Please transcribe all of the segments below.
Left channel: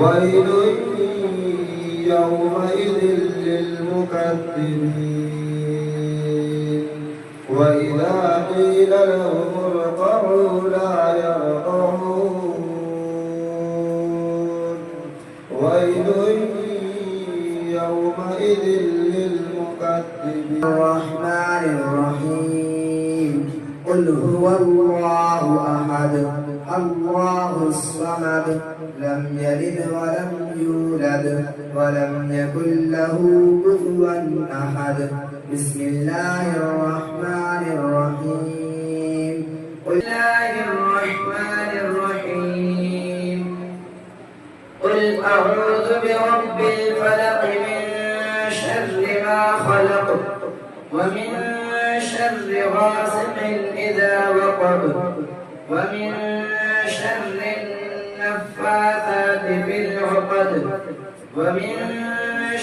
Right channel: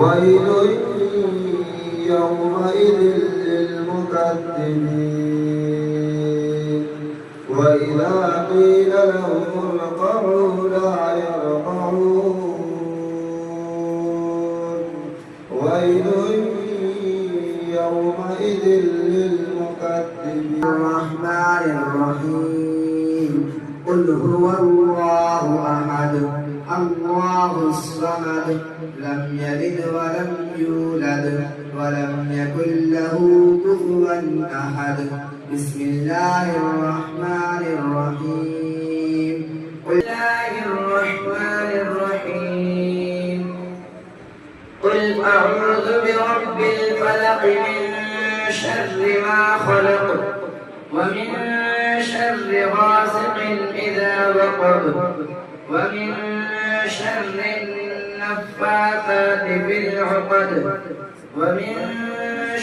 ويل يومئذ للمكذبين وإذا قيل لهم اركعوا لا يركعون ويل يومئذ للمكذبين. الرحمن الرحيم قل هو الله أحد الله الصمد لم يلد ولم يولد ولم يكن له كفوا أحد. بسم الله الرحمن الرحيم قل الله الرحمن الرحيم قل أعوذ برب الفلق من شر ما خلق ومن شر غاسق إذا وقب ومن شر النفاثات في العقد ومن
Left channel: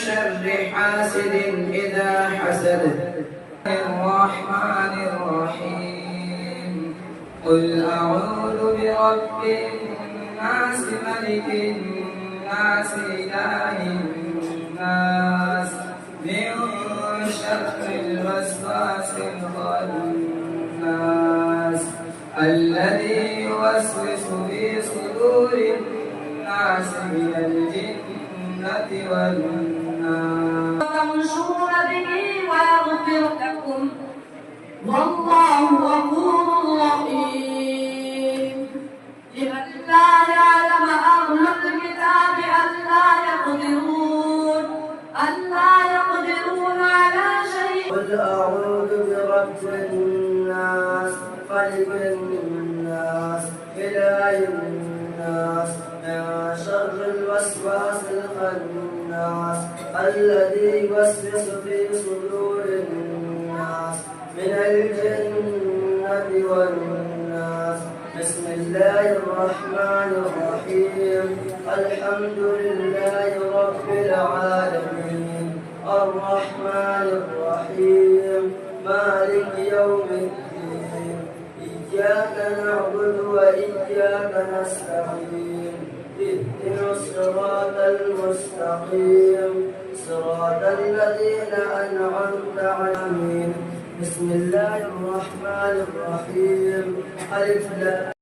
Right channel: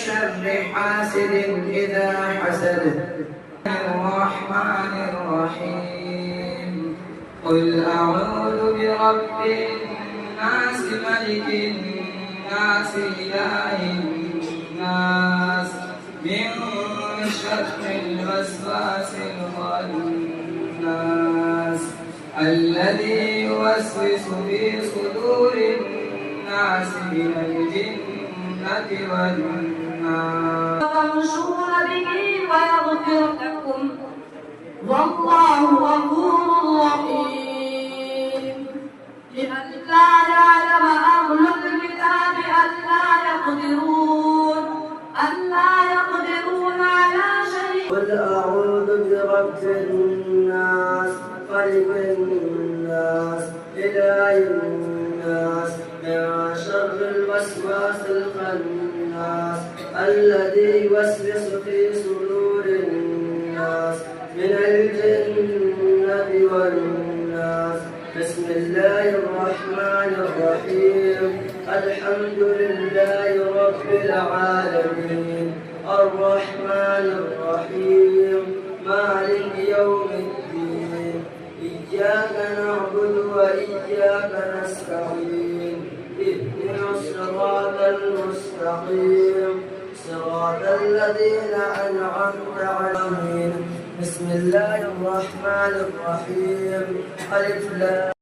شر حاسد إذا حسد. الرحمن الرحيم قل أعوذ برب الناس ملك الناس إله الناس من شر الوسواس الخناس الذي يوسوس في صدور الناس من الجنة والناس. تمشون به ويغفر لكم والله غفور رحيم. لئلا يعلم أهل الكتاب ألا يقدرون على شيء. قل أعوذ برب الناس ملك الناس إله الناس من شر الوسواس الخناس الذي يوسوس في صدور الناس من الجنة والناس. بسم الله الرحمن الرحيم الحمد لله رب العالمين الرحمن الرحيم مالك يوم الدين إياك نعبد وإياك نستعين اهدنا الصراط المستقيم صراط الذين أنعمت عليهم. بسم الله الرحمن الرحيم ألف لام